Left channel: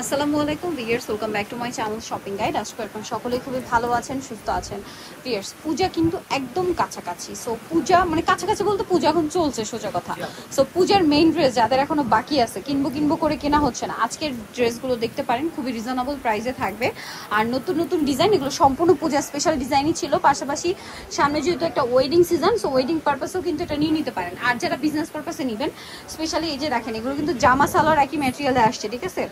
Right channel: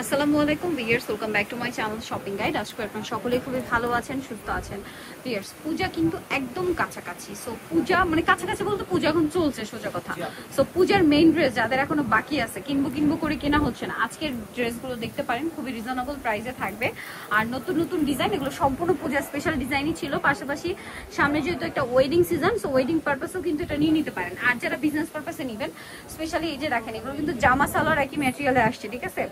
আসসালামু আলাইকুম viewers, welcome back to my channel shopping guide. আশা করি আপনারা সকলেই খুবই ভালো আছেন, সুস্থ আছেন। ভিউয়ার্স, পূজা কিন্তু একদম কাছাকাছি। সো পূজা মানে কাছাকাছি বলতে পূজা এখন চলছে সোজা কথা। সো পূজার মেইন ড্রেস যাদের এখনো বাকি আছে, কিনবো করে কেনা হচ্ছে না, আজকের ড্রেসগুলো দেখতে পারেন, খুবই রিজনেবল প্রাইসে থাকবে। আর নতুন নতুন ডিজাইন, এগুলো সম্পূর্ণ পূজা স্পেশাল ডিজাইনই ছিল। পাশাপাশি সামনে যেহেতু একটা ওয়েডিং সিজন, সো ওয়েডিং পারপাসেও কিন্তু এটা নিয়ে নিতে পারেন। আর যারা বিজনেস পারপাসে নেবেন, স্পেশালি এই যে দেখেন, এগুলো কিন্তু জামা সালোয়ার একই ম্যাটেরিয়ালে আসছে, ঠিক আছে।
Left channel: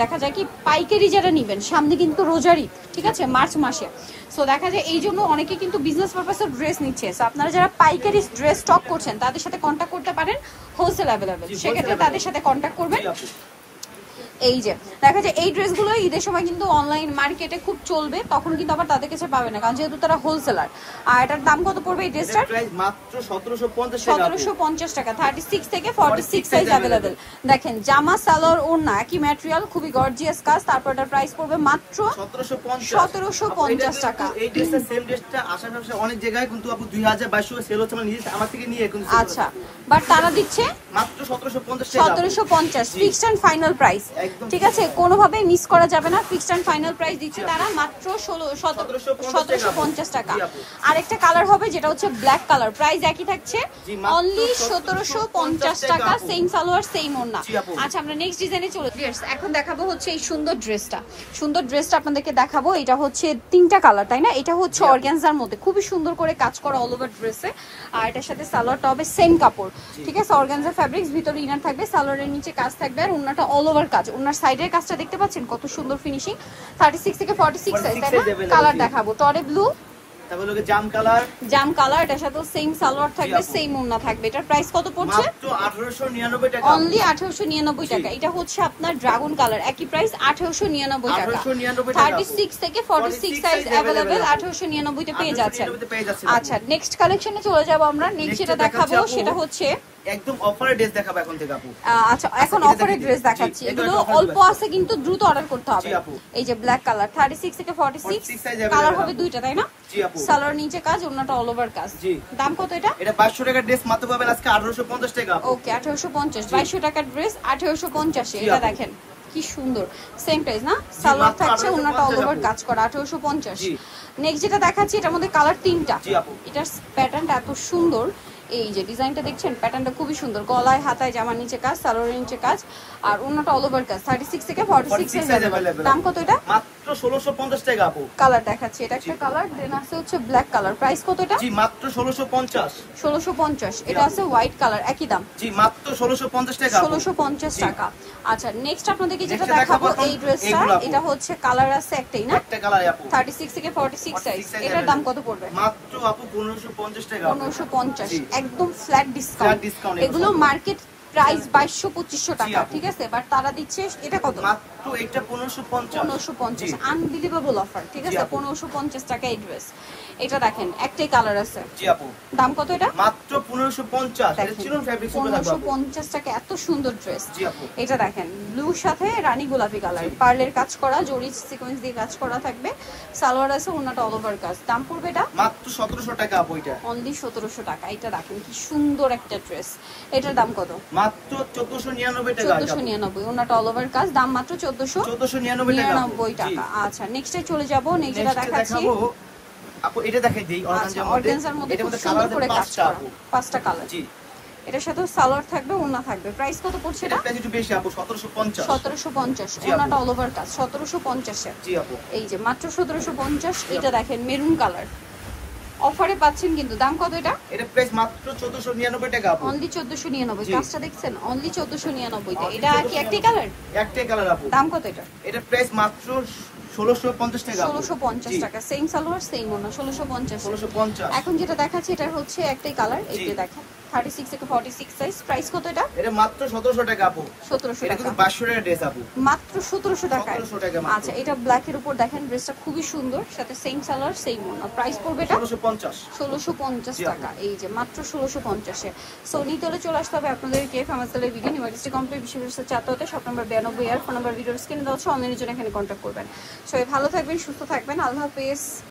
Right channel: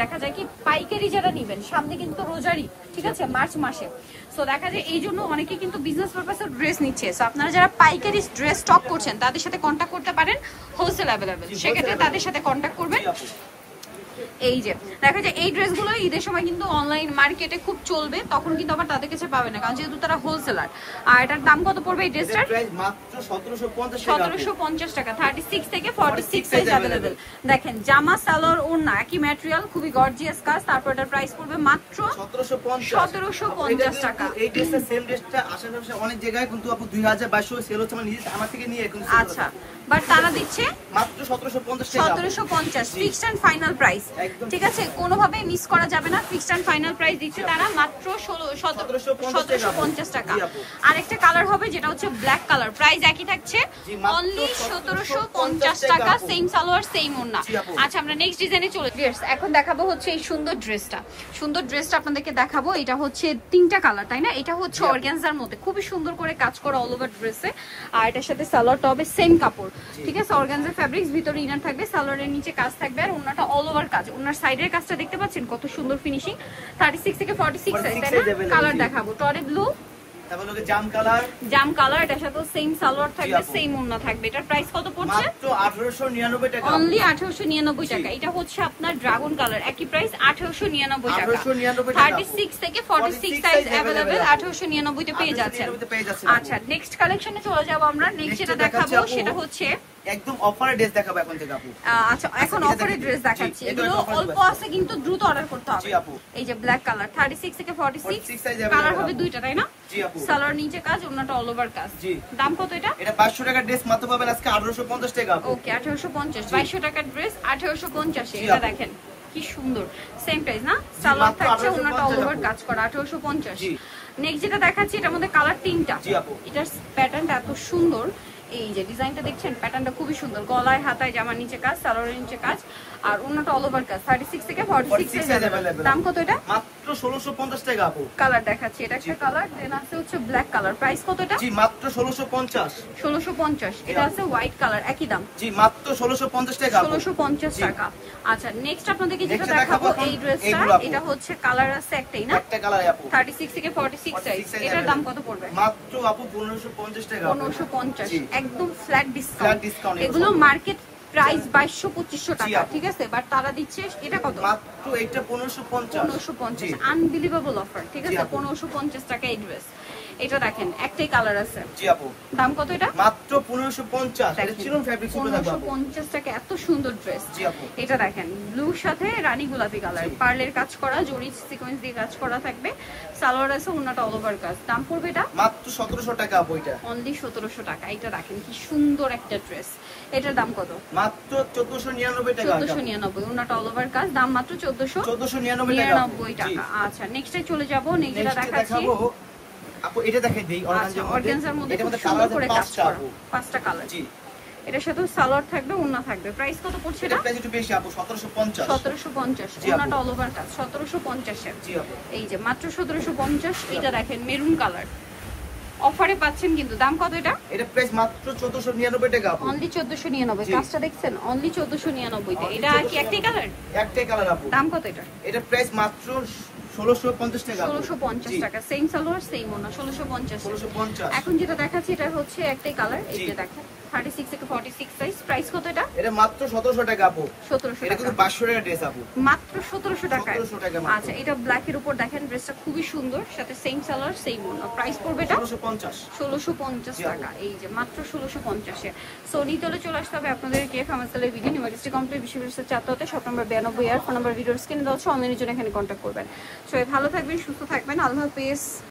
দেখা যায় কি পাইকারি যারা নিবেন, সামনে কিন্তু রোজারি, ঠিক আছে, মার্চ মাসে। সো দেখা যায় এই জন্য অনেকে কিন্তু বিজনেস পারপাসে ড্রেস নিচ্ছে। সো আপনারা যারা পাইকারি ড্রেস স্টক করছেন তাদের সাথে কন্ট্যাক্ট করতে পারেন, হোলসেল অ্যাভেলেবেল, সেক্ষেত্রে তাদের সাথে কন্ট্যাক্ট করবেন। এই যে দেখা যায় এই ড্রেসগুলো ঈদের সময় কিন্তু অনলাইন মার্কেটে খুব চলবে, তখন কিন্তু আবার তাদের কাছে পাবে না, কারণ যেহেতু তারা হোলসেলার। আর এটার দাম কত পড়বে এই ড্রেসটার? মাত্র 1750 টাকা। 36 থেকে 46 সাইজ अवेलेबल। দেখেন জামা সালোয়ার ওড়না একই ম্যাটেরিয়াল, খুবই গর্জিয়াস কাজ। তারপর এটার প্রাইস পড়বে মাত্র 1750 টাকা। এই ড্রেসটা সেম ড্রেসটা আশেপাশে অনেক জায়গায় কিন্তু আপু 2022 সেল হচ্ছে, মানে নিজে আমার থেকে নিয়ে কিন্তু। আচ্ছা, বাট তারা দিচ্ছে মাত্র 1750 টাকা। 1750 ফিক্সড এন্ড ফাইনাল প্রাইস, ঠিক আছে, কোনোভাবে মিস করা যাবে না। ফিক্সড এন্ড ফাইনাল প্রাইস দিচ্ছে তারা মাত্র 1750 টাকা। আরেকটা কালার হবে যেটা হচ্ছে ব্ল্যাক কালার, প্রাইস একই থাকছে, অনলি 1750 টাকা, সেম সালোয়ার সেম ওড়না। আচ্ছা, আমরা নেক্সট ডিজাইনে চলে যাচ্ছি। এখন দেখাবো হচ্ছে এই সুন্দর ড্রেসটা আপনাদেরকে দেখাবো। এটা হচ্ছে তিনটা কালার, তাই না? এটা হচ্ছে অর্গানজার মধ্যে খুবই সুন্দর করে কাজ করা অল ওভার ড্রেসে। আর এটার সাথে সালোয়ারটা হবে সেম কাপড়, ঠিক আছে, অর্গানজা ফ্যাব্রিক্স, ভিতরে ইনার থাকবে, সালোয়ারের নিচে কাজ থাকবে, আর ওড়নাটা অল ওভার কাজ। ওনার সাইডের কাজটা দেখতে পাচ্ছেন কত সুন্দর ফিনিশিং। 36 থেকে 46 সাইজ, তাই না? কালার দেখাবো, টরে ব্লু, তারপর লোকে জাম কালার, এটার সাথে সেম সালোয়ার থাকবে, সেম ওড়না থাকবে। এটার প্রাইস কত পড়ছে? মাত্র 1899 টাকা, অনলি 1899 টাকা। এটা হচ্ছে আপনার ড্রাগন কালার, একই প্রাইস 1899 টাকা। 36 থেকে 46 সাইজ अवेलेबल, 1899 তে পেয়ে যাচ্ছেন। আচ্ছা, নেক্সট কালেকশনে চলে যাব আমরা। নেক্সট যেটা দেখাবো সেটা হচ্ছে একদম অফারের ড্রেস দেখাবো এখন থেকে আপু। আচ্ছা, এখন অফারের ড্রেস দেখাচ্ছি, এগুলো অল্প আছে কিন্তু দ্রুত অর্ডার করতে হবে। এই যে ব্ল্যাক কালার, 36 থেকে 46 কালার হবে দুইটা, তাই না? জি আপু। সালোয়ার নিচে কাজ, ওন্নাটা অল ওভার কাজ। দাম কত এটা? এটা 2200 টাকার ড্রেস, মাত্র পাবেন আজকে 1850 টাকা। ওকে, 1850, 2200 টাকার ড্রেস 1850 এ। এটা দেখেন কি সুন্দর, সেম প্রাইস না? সালোয়ার থাকছে, ওন্নাটা অল ওভার কাজ করা, 1850। নেক্সট যেটা দেখাচ্ছি, এটার মধ্যে কালার তিনটা। এটার প্যাটার্নটা এত সুন্দর, এই যে ডিজাইনটা দেখছেন, প্যাটার্নটা খুবই সুন্দর, গলায় হাতায় জামার নিচে কাজ, সালোয়ারের নিচে কাজ, আর ওন্নাটা অল ওভার কাজ। 36 থেকে 46 সাইজ अवेलेबल। দাম কত এটা? মাত্র 1650 টাকা আপু। কালার দেখাচ্ছি, এটা একটা কালার, দেন আছে হচ্ছে ব্ল্যাক কালার। প্রাইস কত এটা? জি মাত্র 1650। 1650। এটা আছে হোয়াইট কালার, একই দাম। জি মাত্র 1650 টাকা। 1650 টাকা। আচ্ছা, নেক্সট আপনাদেরকে যেটা দেখাবো এই ড্রেসটা, এটা হচ্ছে কালার আছে একটাই না? একটা কালার আপু। 36 থেকে 46 সাইজ। এটার দাম কত পড়বে? মাত্র আপু 1550 টাকা। 1550, একদম ফ্ল্যাট ডিসকাউন্ট। এগুলো মার্কেট প্রাইস 2200-2500 টাকা, ঠিক আছে, বাট তারা দিচ্ছে এটা কত? মাত্র এটা 1550। আনবিলিভেবল অফার, ঠিক আছে, 1550 টাকা এই ড্রেস। এটা দেখেন একটাই কালার আছে। জি আপু। দাম কত এটা? মাত্র 1550। এটা চিরন ফেব্রিক সুন্দর লাগবে। 1550 টাকা, এত সুন্দর ড্রেস। জি আপু। এটা দেখেন ব্লুর সাথে রানী গোলাপি কালার, পার্লের কাজ করা, জরি সিকোয়েন্স দিয়ে কাজ করা থাকবে, সালোয়ার আছে, ওন্নাটা অল ওভার কাজ। দাম পড়বে এটা মাত্র 1700 টাকা আপু। এটা অনলি 1700 টাকা। এটা দেখেন কি সুন্দর একটা ড্রেস, এটার দাম কত? মাত্র 1499 টাকা। 1499, ওন্নাটা অল ওভার কাজ, দাম মাত্র 1499 টাকা। আচ্ছা, নেক্সটে চলে যাব। নেক্সট যেটা দেখাচ্ছি আপু, এটা দেখেন দেই অর্গানজার মধ্যে খুব সুন্দর করে কাজ করা, পাঁচটা কালার। জি, এটার সাথে সালোয়ার থাকবে, ওন্না থাকবে। প্রাইস কত পড়ছে এটা? প্রাইস একটু বেশি আপু, 1750। 1750, ওন্নাটা অল ওভার কাজ, 1750 এ। জি আপু। এই যে মাত্র 1750। এটা দেখেন মেরুন কালার, অফারে পাচ্ছেন কিন্তু। দাম কত এটা? এটা প্রাইস মাত্র 1499 টাকা আপু। অনলি 1499। কাজটা দেখছেন, অনলি 1499 তে। এটা কি একটাই কালার? একটাই কালার আপু। দাম কত এটা? এটা প্রাইস মাত্র 1650 টাকা। 1650 টাকা, সেম সালোয়ার সেম ওড়না, 1650। এখন যেটা দেখাচ্ছি এটা হচ্ছে একটাই কালার, এই যে দেখেন 36 থেকে 46 সাইজ। প্রাইস কত এটা? এটা মাত্র 1700 টাকা আপু। 1700 টাকা। এটা কিন্তু 2200 টাকা ড্রেস আপু। মাত্র 1700 টাকা। 1700 টাকা মাত্র। আচ্ছা, এটা ব্ল্যাক এর উপর দেখেন, ড্রেসটা খুবই সুন্দর, সাথে সেম সালোয়ার সেম ওড়না। প্রাইস পড়বে এটা 1650 টাকা। এই যে মাত্র 1650 এ। সো নিতলে চলে আসতে হবে আপনাদেরকে ফার্মাসিলের বিডি ইউনিভার্সিটি কমপ্লিট বিশ্ববিদ্যালয়ের ছাত্রতে, শপ নাম্বার 92 আর ফোন নাম্বার ভিডিওর স্ক্রিনে দেওয়া আছে, অনলাইনের জন্য এখানে কন্ট্যাক্ট করবেন। সবাই ভালো থাকবেন, সুস্থ থাকবেন, আল্লাহ হাফেজ।